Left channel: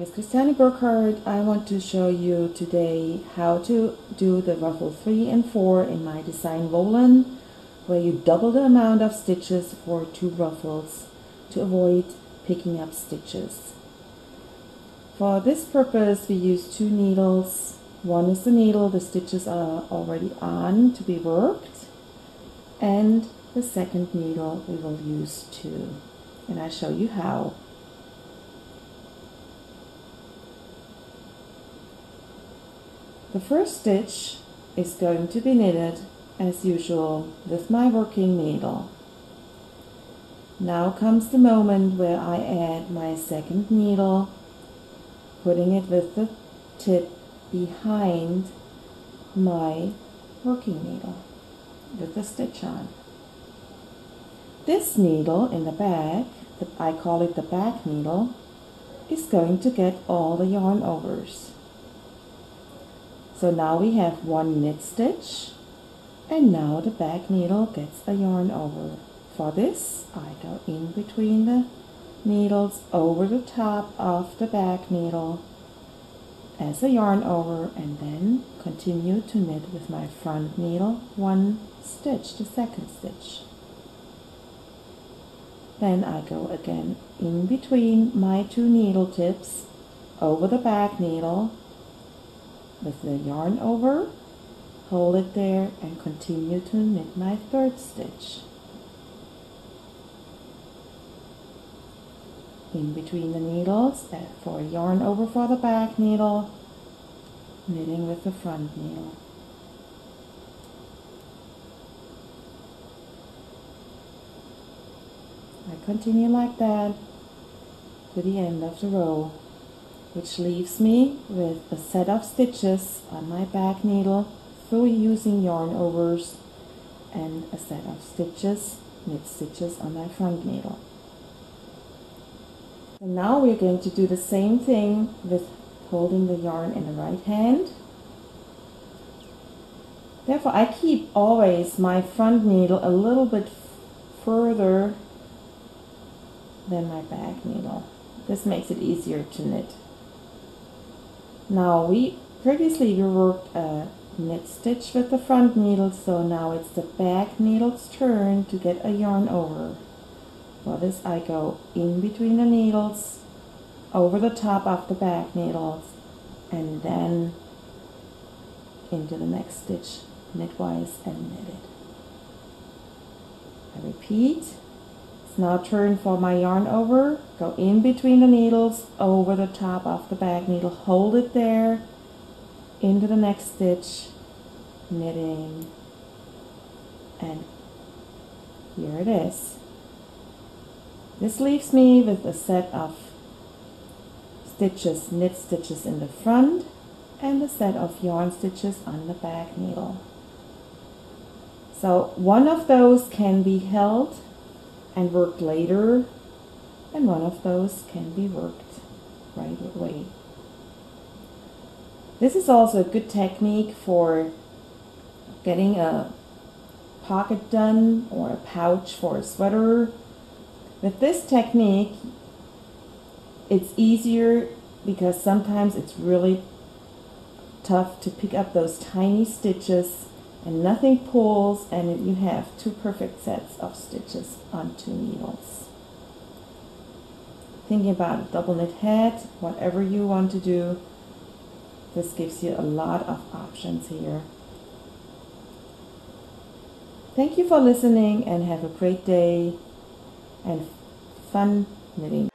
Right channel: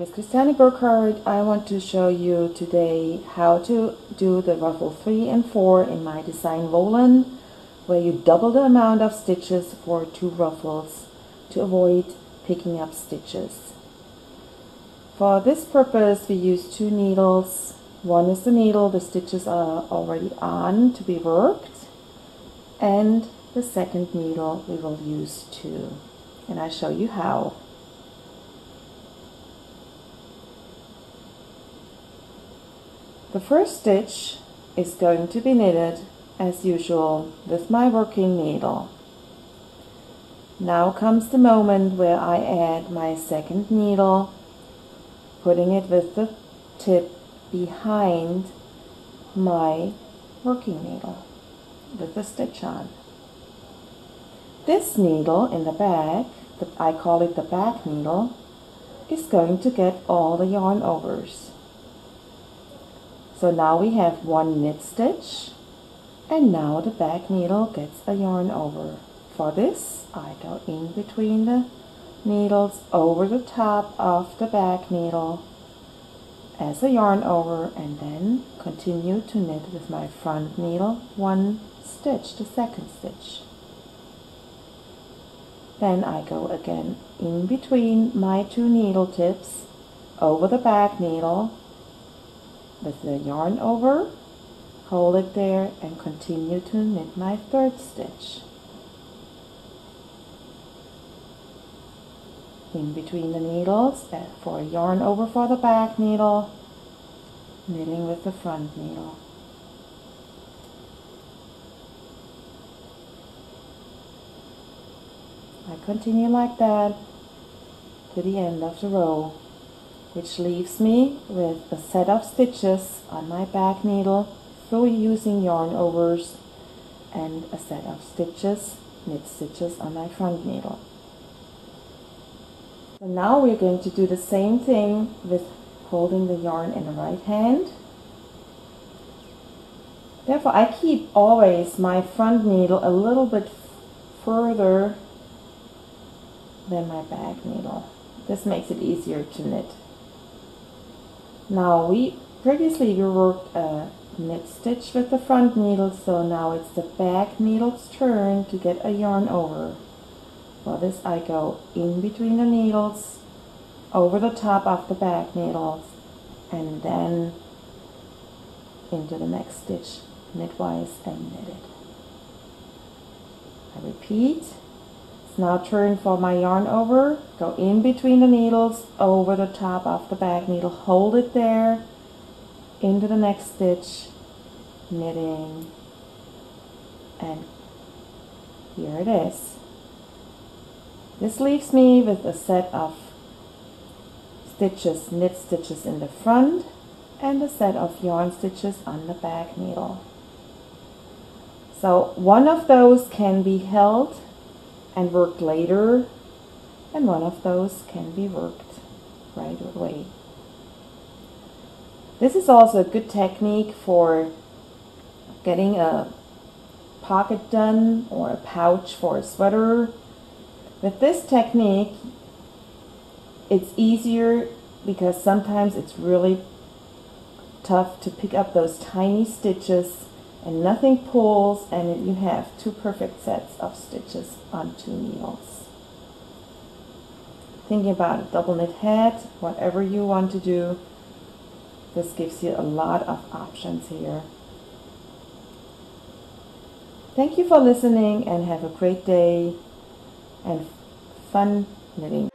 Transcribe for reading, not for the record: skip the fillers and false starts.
name is Christiane Burkhardt. I want to show you today how to do the ruffle 3 and 4 in my design Volan, where you double the amount of stitches for 2 ruffles to avoid picking up stitches. For this purpose we use 2 needles. One is the needle the stitches are already on to be worked, and the second needle we will use too, and I show you how. The first stitch is going to be knitted as usual with my working needle. Now comes the moment where I add my second needle, putting it with the tip behind my working needle with the stitch on. This needle in the back, I call it the back needle, is going to get all the yarn overs. So now we have one knit stitch, and now the back needle gets a yarn over. For this, I go in between the needles over the top of the back needle as a yarn over, and then continue to knit with my front needle one stitch, the second stitch. Then I go again in between my 2 needle tips over the back needle with the yarn over, hold it there, and continue to knit my third stitch. In between the needles for a yarn over for the back needle, knitting with the front needle. I continue like that to the end of the row, which leaves me with a set of stitches on my back needle through using yarn overs, and a set of stitches, knit stitches on my front needle. So now we're going to do the same thing with holding the yarn in the right hand. Therefore I keep always my front needle a little bit further than my back needle. This makes it easier to knit. Now previously we worked a knit stitch with the front needle, so now it's the back needle's turn to get a yarn over. For this I go in between the needles, over the top of the back needles, and then into the next stitch, knitwise and knit it. I repeat. It's now turn for my yarn over, go in between the needles, over the top of the back needle, hold it there, into the next stitch, knitting, and here it is. This leaves me with a set of stitches, knit stitches in the front, and a set of yarn stitches on the back needle. So one of those can be held and worked later, and one of those can be worked right away. This is also a good technique for getting a pocket done or a pouch for a sweater. With this technique, it's easier because sometimes it's really tough to pick up those tiny stitches and nothing pulls, and you have 2 perfect sets of stitches on 2 needles. Thinking about a double knit hat, whatever you want to do, this gives you a lot of options here. Thank you for listening, and have a great day and fun knitting.